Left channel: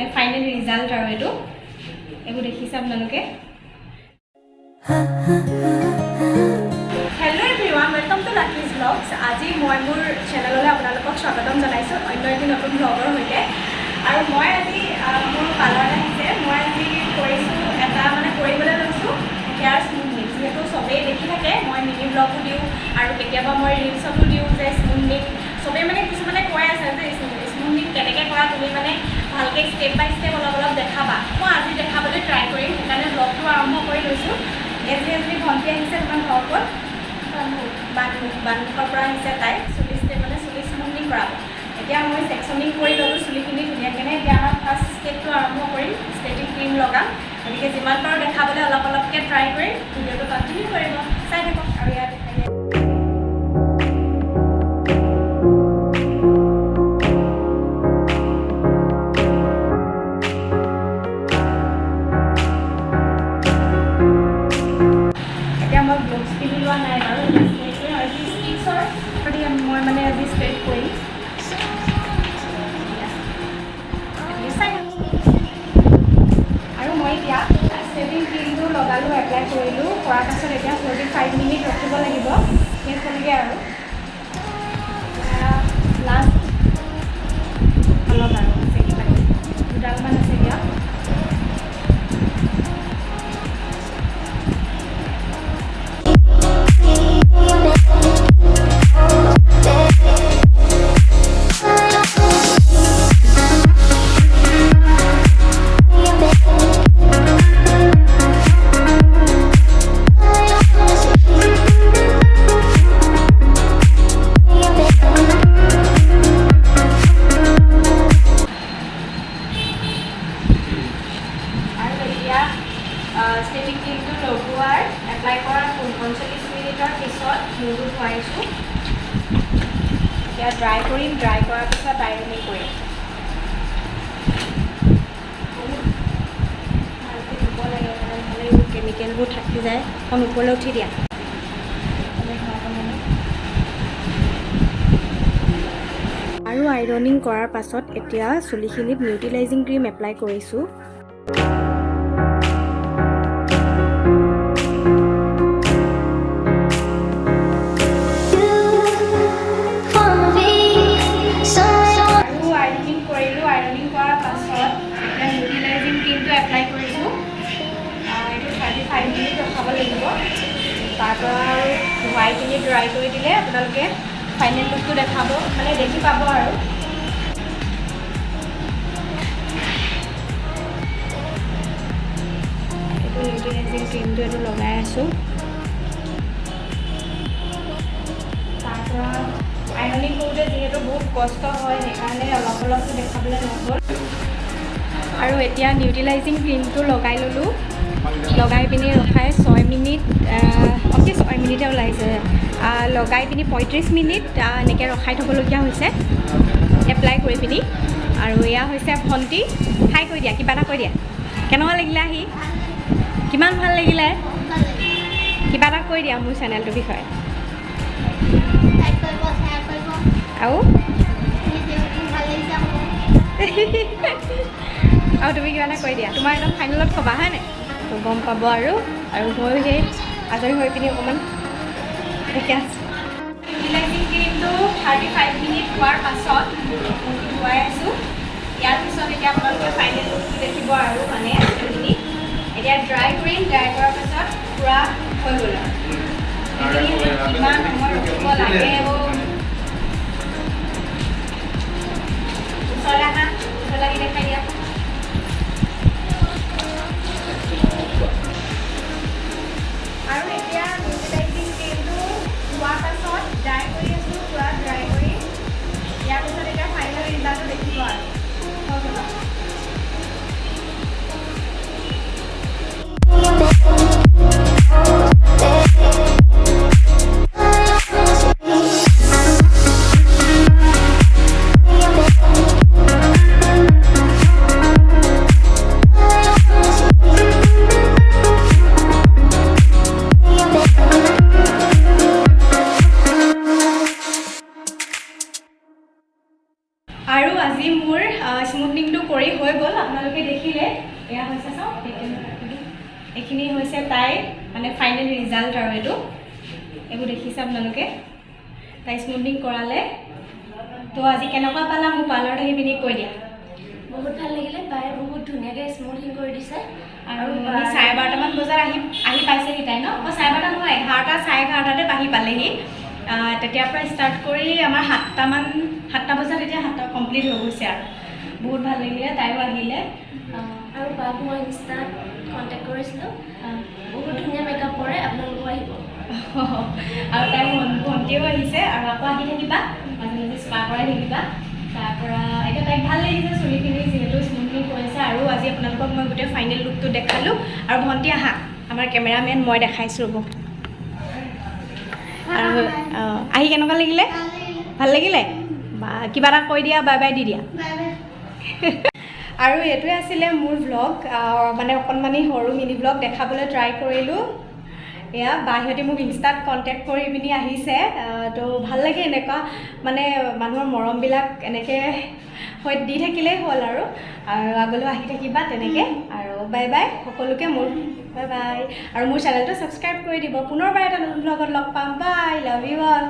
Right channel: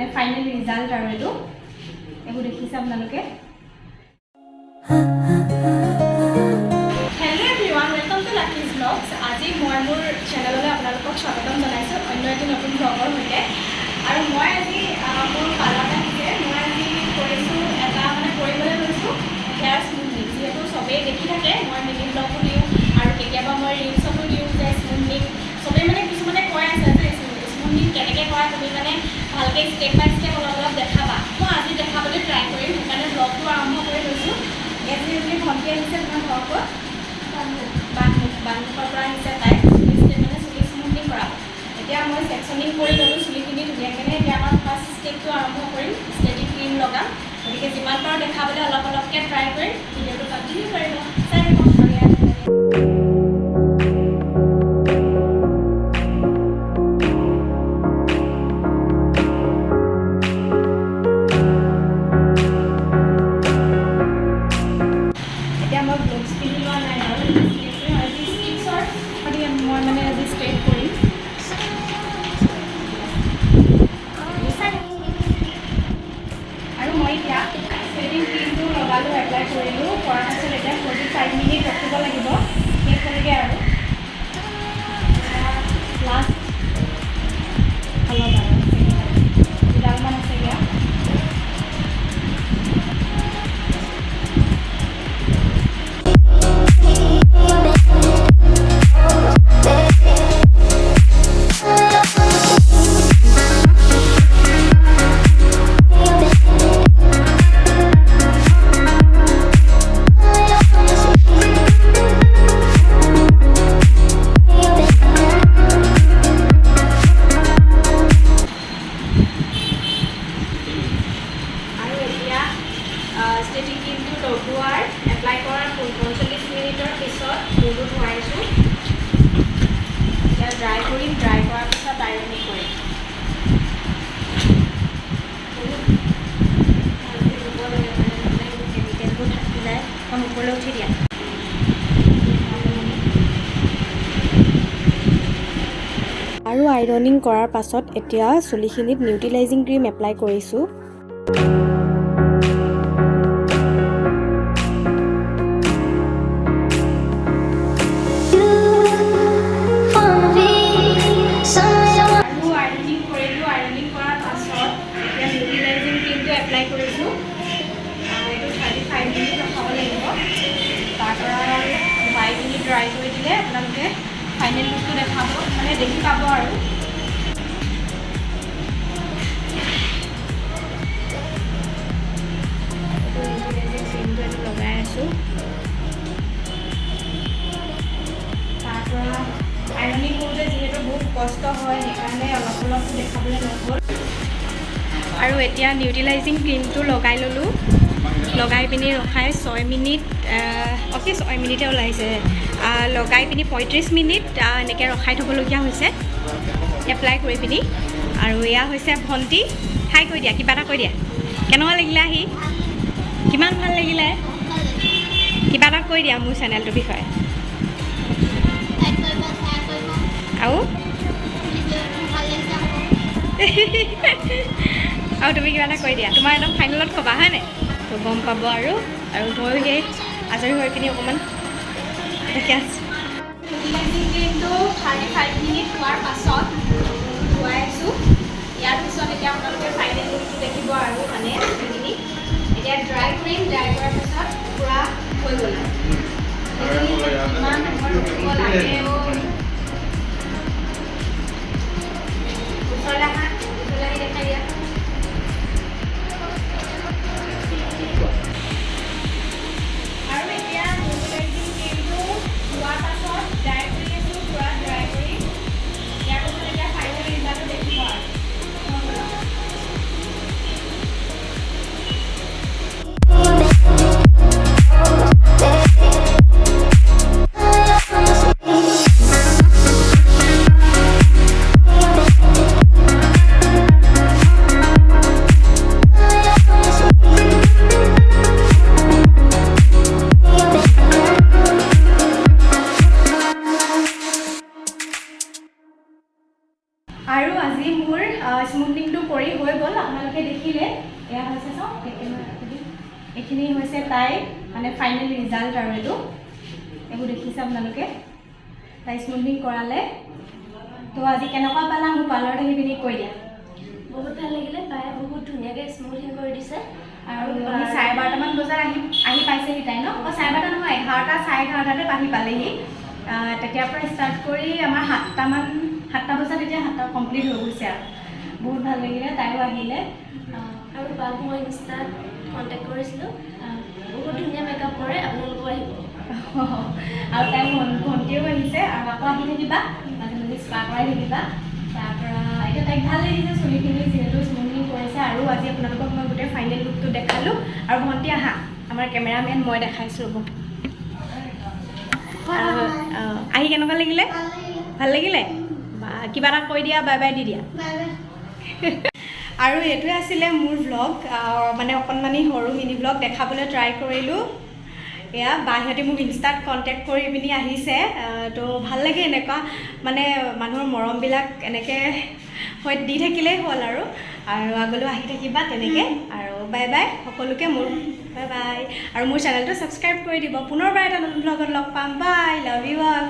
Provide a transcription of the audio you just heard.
মানে final result আৰু এইবোৰ দেখিছে আপোনালোকে hello' everyone welcome to Lucky's blogs আজি মই মোৰ চেনেললৈ আপোনালোকক স্বাগতম জনাইছোঁ অন্য এটি নতুন ব্লগৰ সৈতে আৰু মই আজি মোৰ পাৰ্লাৰত আহিছে মই আজি কৰিছোঁ এটা মানে কৰিবলৈ লৈছোঁ হেয়াৰ স্মুথনিং যিহেতু চবেই দেখি থাকে মই মিনি ব্লগো দিওঁ আৰু কেতিয়াবা মই ৰিলছতো দিওঁ যে স্মুথনিং চবেই মানে কিছুমানে কৈ আছে যে স্মুথনিং কেনেকৈ কৰা তুমি মানে ভালকৈ ষ্টেপ বাই ষ্টেপ অলপ অলপ দেখাবা মই আজি দেখাবলৈ ট্ৰাই কৰিম সেইকাৰণে ব্লগটো আৰম্ভ কৰি লৈছোঁ এজনী ভণ্টি আহিছে তোমাৰ ঘৰৰ ওপৰত বানমুখৰ পৰা আহিছে তাই চুলি ষ্টেপ মানে চুলি স্মুথনিং কৰাব এতিয়া মই ছেকশ্যনিং কৰি ল'লোঁ চুলিখিনি ধুনীয়াকৈ এতিয়া আমাৰ ফাৰ্ষ্ট ষ্টেপটো আৰম্ভ কৰিম ষ্টেটিং ক্ৰীম লগাম গতিকে যিমান পাৰোঁ দেখাবলৈ অলপ অলপকৈ ট্ৰাই কৰিম ভিডিঅ'টো কণ্টিনিউ কৰিব চাই থাকক আৰু ইয়াত এতিয়া মই গ্ল'ভছ পিন্ধি লোৱা নাই বাৰু মই মানে আজি ষ্ট্ৰেট কৰিম আৰু মই এতিয়া ষ্ট্ৰেটিং ক্ৰীমটো লগালোঁ এপ্লাই কৰিলোঁ কৰাৰ পাছত এতিয়া 45 মিনিট ৰখিব লাগিব শেষ হ'লগৈ আৰু লাষ্ট অলপ আৰু দুডালমান আছে ইয়াত ষ্টেটিং ক্ৰীমটো লগোৱাৰ এপ্লাই কৰাৰ 45 মিনিটৰ পিছত মূৰটো ধুৱাইছোঁ এতিয়া ড্ৰাই কৰিম ড্ৰাই কৰাৰ পিছত আইৰনিং কৰিম বহুত ভালকৈ ধুব লাগে মানে নহ'লে কেমিকেলবোৰ থাকি যায় এখন ওপৰলৈ উঠি দিয়া আৰু আইৰনিং কৰাৰ পাছত এতিয়া চুলিখিনিত নিউট্ৰিলাইজিং ক্ৰীম এপ্লাই কৰিছোঁ এপ্লাই কৰিছোঁ এইটো 35 মিনিট ৰখাব লাগিব তাৰপৰা ধুৱাই পিনি ড্ৰাই কৰি দিলে আপোনালোকে ফাইনেল লুকটো দেখাব মানে দেখি পাব আৰু ক্ৰীমটো এইটো লগাই আছোঁ তাৰপৰা আইৰনিং কৰোঁতে যিহেতু বহুত কষ্ট হয় সেইকাৰণে অলপ অলপটো দেখাবলৈ নহ'ল আৰু এতিয়া নিউট্ৰিলাইজিং ক্ৰীমটো লগাই ল'লোঁ লগাই পিনি ৰখাই 6 মিনিট 6 মিনিটে ওলাইছে লগাই পিনি 35 মিনিট এনেকৈ ৰখাই থ'বলগীয়া হৈছে এপ্লাই কৰি পিনি আৰু এয়া হৈছে ভণ্টি হাই কৈ দিয়া কিবা এটা কৈ দিয়া কেনেকুৱা লাগিলে আহি কিমান ভাল লাগিলে কিবা এটা কৈ দিয়া মোৰ চেনেলটোৰ বিষয়ে আৰু আৰু তুমি কিবা এটা কৈ দিয়া তোমাৰ একদম ফাইনেলত ক'বা হয়নে তো গম পাব আৰু ময়ো সেই আজৰি হৈ পিনি অকণমান দেখি আছোঁ নিউট্ৰিলাইজিং ক্ৰীমটো 35 মিনিট হোৱাৰ পাছত ধুৱাই আছোঁ ইয়াৰ পিছত এতিয়া আপোনালোকে ফাইনেল লুকটো দেখিব আৰু মানে সেইখিনি এতিয়া ড্ৰাই কৰিম ড্ৰাই কৰাৰ পাছত পূৰা হৈ গ'ল আৰু ইমান সময় ৰখিব লাগে ওচৰলৈ আহা ওচৰলৈ দেখাই দিয়া আৰু এতিয়া নিউট্ৰিলাইজিং ক্ৰীমটো হোৱাৰ পাছত ড্ৰাই কৰি আছোঁ পূৰা ড্ৰাই কৰি ইয়াৰ পাছত এতিয়া ফাইনেল ৰিজাল্টটো দেখিব আৰু এইখিনি হৈছে তাইৰ মানে ফাইনেল ৰিজাল্ট আৰু এইবোৰ দেখিছে আপোনালোকে তাই স্মুথনিং কৰালে তো আজি কেনেকুৱা পালা মোৰ পাৰ্লাৰত আহি পিনি কৈ দিয়া বহুত ভাল লাগিলে বায়ে বহুত ধুনীয়াকৈ স্মুথিং কৰি দিছে আৰু 12:30মান বজাত আহি পাইছেহি তাই ন অঁ 12:30 নহয় 11টা 11:30তে আহি পালেহি তেতিয়াৰ পৰা ষ্টাৰ্ট কৰি আমাৰ 7টা বজাত এতিয়া 7টা কমপ্লিট হৈ গৈছে আৰু বহুত ভাল লাগিলে তাইও আহিলে আৰু বাক মই ইনষ্টাত কণ্টেক্ট কৰিছিলোঁ বহুত ধুনীয়া মেকআপ কৰে আপোনালোকো আহিব আৰু তাই ভণ্টিও আহিছে আৰু আকৌ আহি থাকিবা মাজে মাজে স্পা কৰাই থাকিবা তাৰপৰা এতিয়া তাইক ভাল লাগিছে চুলিখিনি যিহেতু স্মুথনিং কৰিছে আৰু আজি আপোনালোকক মই গোটেই ফাইনেল লুকটো দেখালোঁ আৰু ভণ্টি আহা আমাৰ কেমেৰামেন মই দেখাইছোঁ ৰ'ব আৰু আহি কেনেকুৱা লাগিলে ভাল লাগিলে বা কিবা এটা কৈ দিয়া বাই বাই দি দিয়া আৰু এইটোৱে আছিলে মোৰ ভ্লগ মানে অকণমানি সৰু মিনি ভ্লগ দেখাবলৈ ট্ৰাই কৰিলোঁ এয়া বাহিৰতে মোক ইনষ্টাত কণ্টেক্ট কৰি পিনি আহিছে তো ভাল লাগে এনেকুৱা মানে মানুহৰ মৰমবিলাক এনেকৈ হৈ দি থাকিলেই হ'ল আৰু আগলৈও আহি থাকিবা তেনেকৈ আৰু বাই বাই সকলোকে মোৰ বাই বাই আৰু মোৰ চেনেলটো ছাবস্ক্ৰাইব কৰি দিব পুনৰবাৰ এটা নতুন ভ্লগত লগ পাম বাই লাভ ইউ অল